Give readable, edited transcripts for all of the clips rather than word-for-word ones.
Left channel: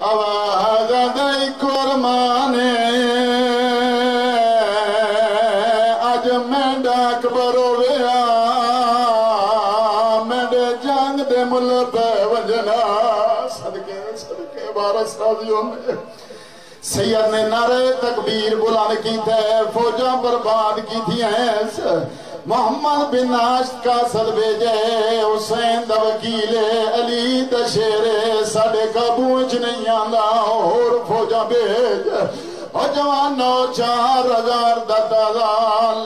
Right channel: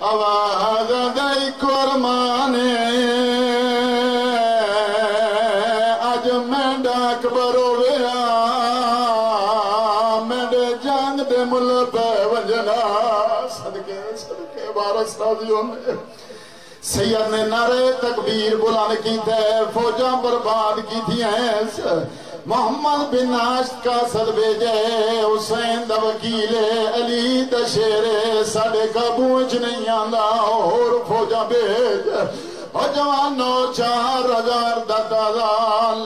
آواز دئی قرمانے اج میں ڈاک برویا میرے جنگ دے مل پہ وجنا صدقے صدقے وارث راضیوں میں سید نے نعرے تکبیر بلند کی تھے فوجاں برباد کی تھی ہیں محمد بن ناشت کا صد بھیجے حسین دا وکیل علی دا شیر ساڑے قابوچ نہیں آندا اور فوجاں بھیج اور جوانوں 4000 دا تازہ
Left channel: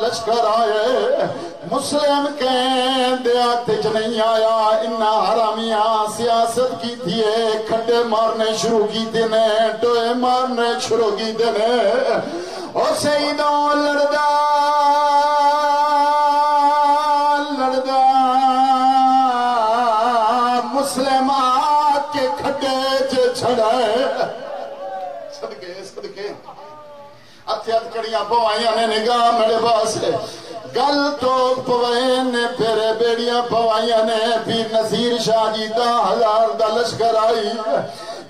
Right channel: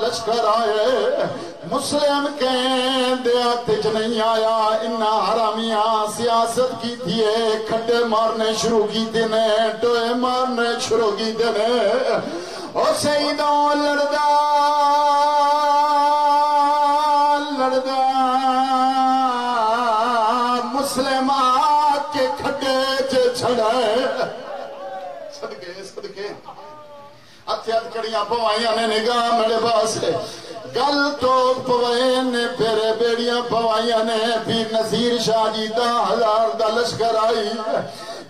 لشکر آئے مسلم کہیں دیاتج نہیں آیا انہا حرامیاں سیاست کی تھی کھڈے مارنے شروع کی دینے ٹوئے مارنے شروع کی دینے اور سیدوں لڑدا مسلمات کے کھڈے چھڑائے صدقے صدقے اتیاد کڑیاں پوائیاں نے نگاہ میرے پاس گل تو پوائیں نے پھر بیڑیاں پوائیاں نے پیر نصیر شاہ جی 10,000 دا لشکر آئی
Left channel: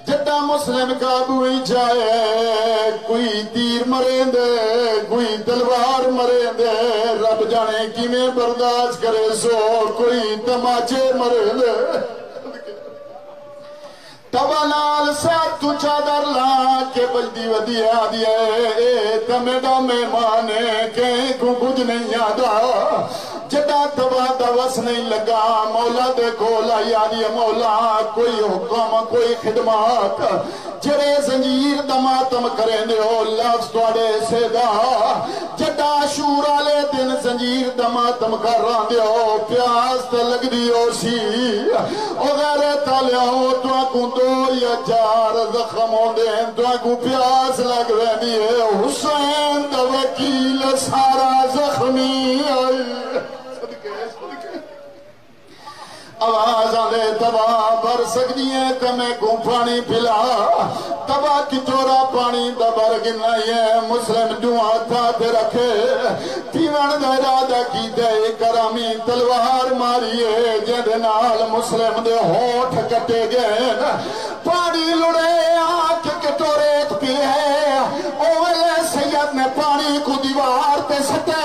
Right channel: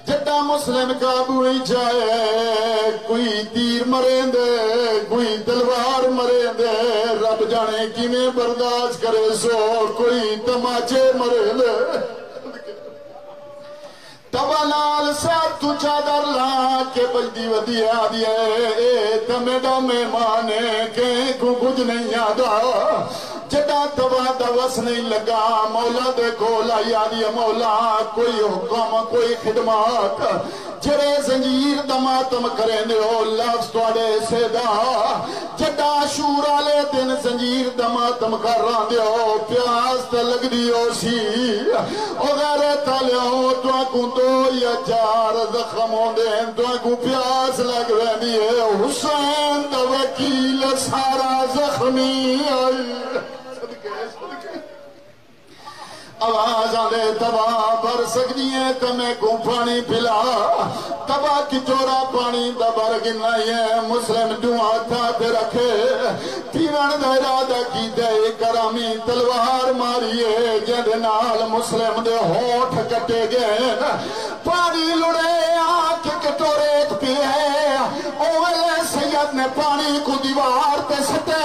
جٹا مسلم قابو ہی جائے کوئی تیر مرین دے کوئی تلوار مرین دے رب جانے کی میں برداشت کرے سو کوئی تماچے مرین دے تبالال ساتھ تو چادر لا کے بجدی ودی آدھی ہے تمیڈا میں مانے کہیں کو کچھ نہیں آدھا جدا تبا دوس نہیں لگا مولا دے کھولا یادی مولا کوئی حکم کوئی خدمات جرے زنجیر دماتم کریں دے ہو لفظ توڑے سیدھا جدا شورا لے دن زنجیر دماتم کر رہا دے ہو پیاس تے لگ دیو سی او غیرے تالے ہو تو آکو 2 یا 4 زخم ہو دیں تو آکو پیاس لگ رہے دیئے حسین دا وکیل سارا زخمی آئی آواز آلے تباہ بھر سکتی ہے تمہیں کو پانی پلا تباہ کی چورا پانی دبر گنائی ہے مسلم دعا تھا تے رکھے تیون دا ارادہ کی دے کرامی تلوار ماریے جن نال مسلم دے ہوٹھ کٹے گئے پانی لڑے آنکھ کٹورے ایک پی ہے اوہلے سید نے پانی کو دیوار تے سٹے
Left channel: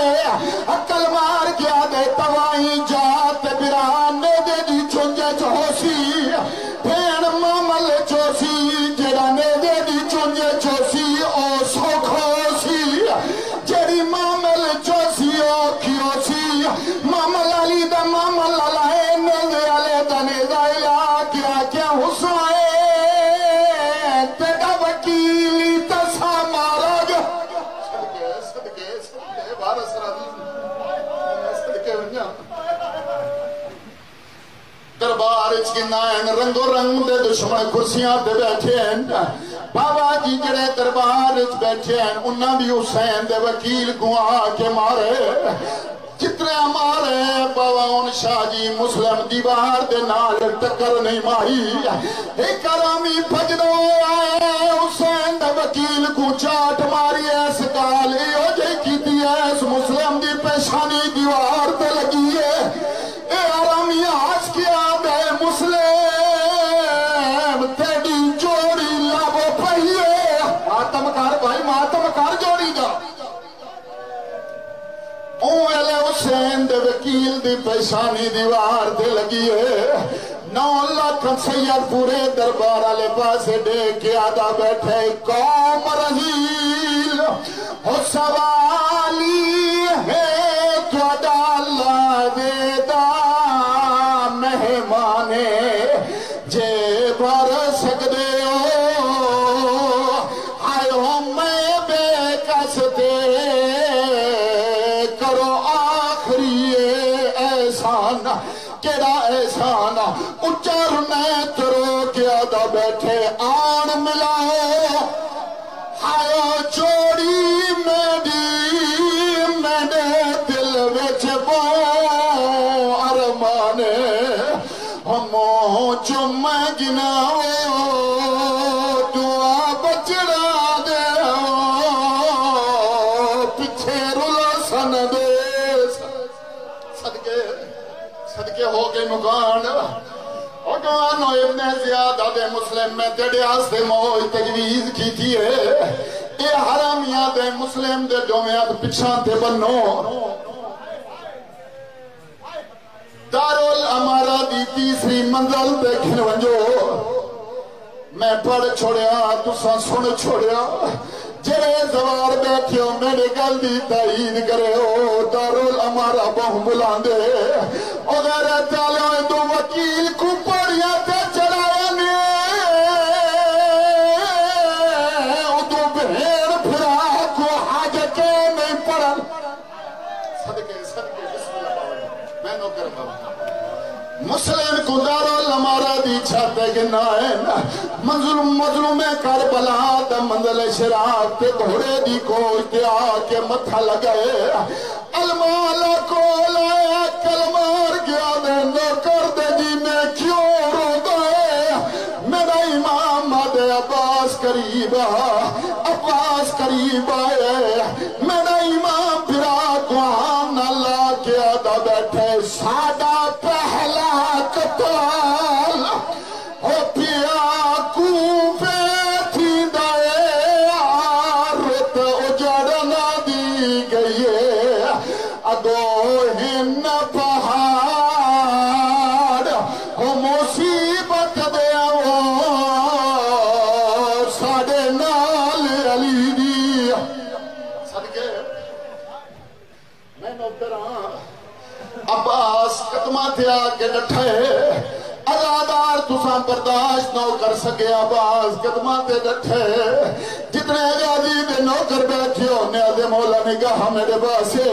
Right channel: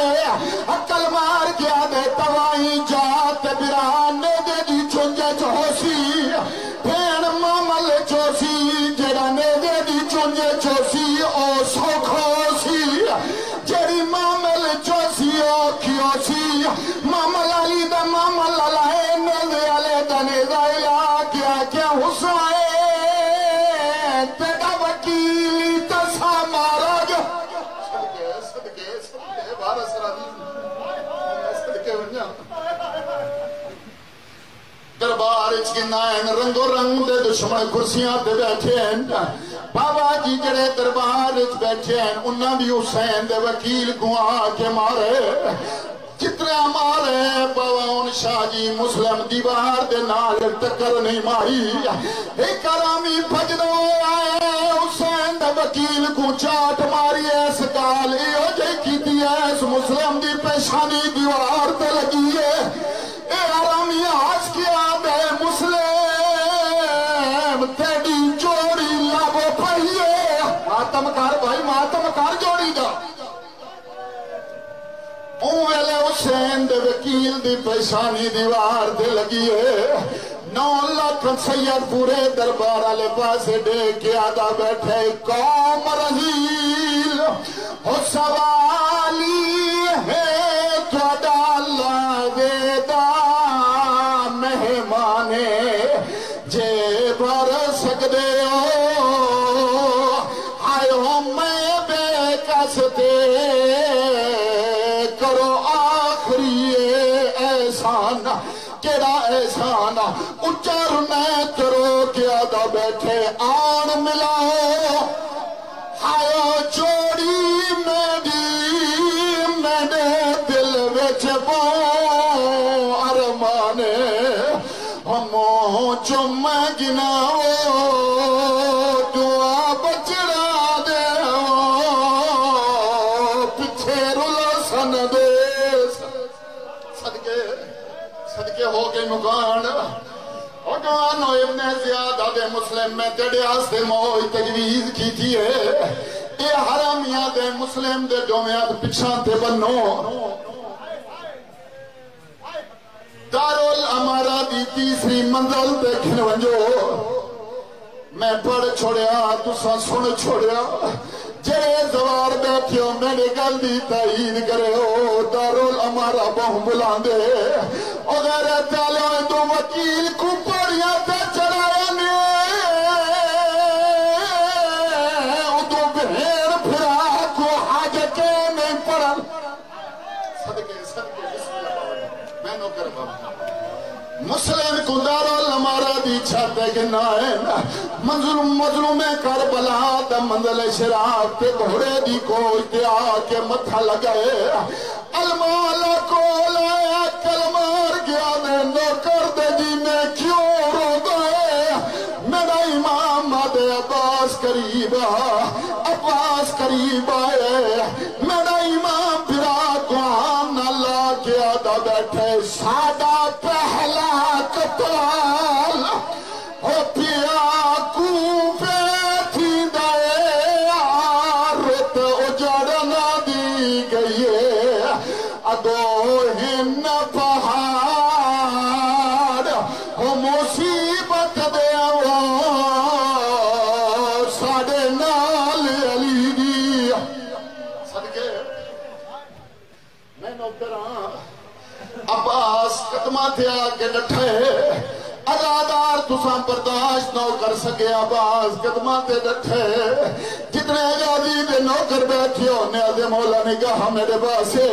عقل مار کیا دے توائی جات بران نے دے دی چونجے چوسی پھین مامل چوسی جڑا نے دے دی چونجے چوسی او سوکھوسی جڑی مامل چوسی او کھیوسی مامل علی دا مامل لائے نوزے علی دا نیزائلہ کیا کیا حسائے تیڑا وکیلی تسا مارا جو صدقے بارس راضی صدقے ونجا دربار اچکنائن رنگ و رنگ دے دشمن کرسیاں دے بیٹھے ہیں بابا جی جڑے دربار اچ بیٹھے ہیں انہاں بھی حسین دے وکیل کو آ کے مارے جتنے مارے بابا ان شاہ جی مسلم دیوار دے نال ٹکر نہیں ماری ایک کرامی بھجنو آئے حسین دے وکیل کو چاٹ ماری ایس گال ایو جے کی دی ایس مسلم دی پیشانی دیوار تے لگی ہے اے آرامی آج کیا دے مسلم تیڑی جوڑی لابو پہیے ماتم کار بھائی ماتم کار جوڑی دا اوہلے حسین دے وکیل دی پیشانی دیوار دے لگی ہے 9 لاکھ سید پورے دربار آلے پاسے دے کے آدھا بیٹھے قوم رحیل ہو سوالی ہے توڑا اللہ دیدہ مہمانے جے بھر سکدے ہو آئے ہو میں بے کستے کرو آخری احسان کیڑا احسان اچھر میں ترو کے آدھا بیٹھے آن ملاؤ آئے چوڑی میں نے دل وچ بو ارمانے ہمو چم گناؤ دعا بچڑا دے پچھے رلا سن دے صدقے ہو گئے مکان حکمانو ابن زیادہ دے مسلم میں تیڑے آستے موج تجویز کی تھی ہے اے حرامیاں دے مسلم دے دومیات پچھان تے بنو دارالامارہ دی تیسری منزل دیکھن ونجو میں پڑھ چھوڑیا تساں سن چھوڑیا جڑے زوار بیٹھیو میرے گل دی تائید کرے ہو دارالامارہ بہم بلاندے اگر تعالیٰ دو وکیل کو پڑھیا تے چڑھایا نے دو بھیڑ پھرا کو حاجت نہیں پڑھن صدقے بسم اللہ میں نوکر بابا مسلم کو دارالامارہ دی چھاتے گنا ہے مظلوم کربلا دا منزل شراق تے گھوڑے دی کوش تے آکے متھا لگئے المالا کو لایا کلمار گیا دے نوکر دے جی میں کیوں رو گئے میرا امام مادے عباس قریب آئے میرا امام پھرا گوان اللہ کے آدھا بیٹھے سادہ پہلا قتال ہو پیا کوفے تھی دائے آرت اجڑنا دی گئی ادو ہن پہاڑ ہو مصیبت دے ساڑے نال علی دی صدقے میں نوکران عباس قدمہ تھے آگے ڈٹھے ازادار تساں برداشت نو کر سکے عباس قدمہ تھے ڈٹھے جتنے غازی دے نوکر بیٹھے ہونے آدھے مولا نگاہ میرے باسے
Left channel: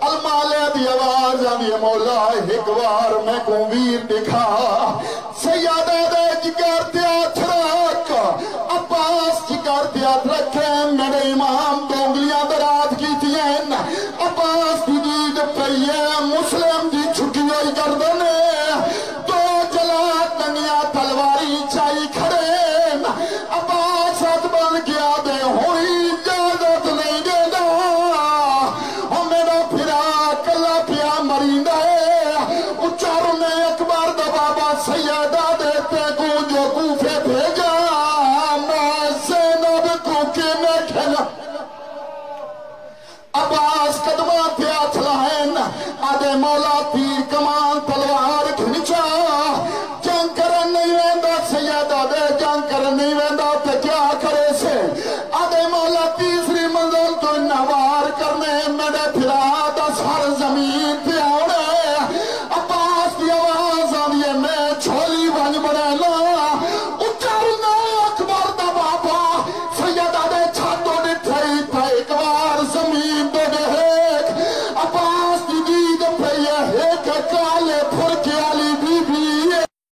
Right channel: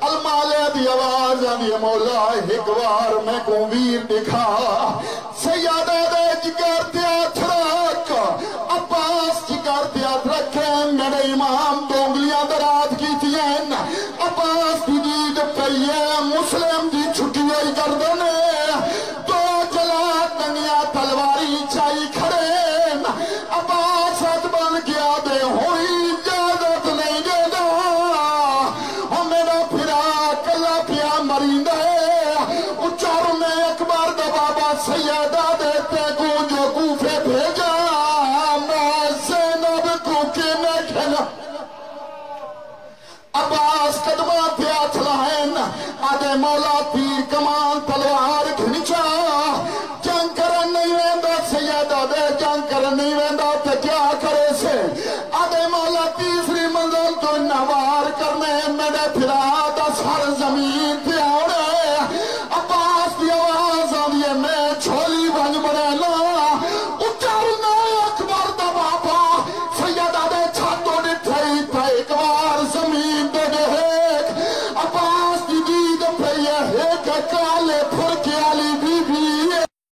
المالے دی آواز آدھے مولا ایک بار میں کو ویر دکھا سیادہ دے جگر تیات رکھ عباس جگر تیات رکھے میرے امام دونگلیاں درات کی تھی عباس کی جید پہیے مسلم دی چھٹی ہوئی گردنے دو جلا دنیا تلواری چائی کھڑے عباس حد بن گیا دے ہوئی اجازت نہیں دے دا اور میرا پھرا کلا پیا مرین دے اچار میں اکبر دا بابا سیاد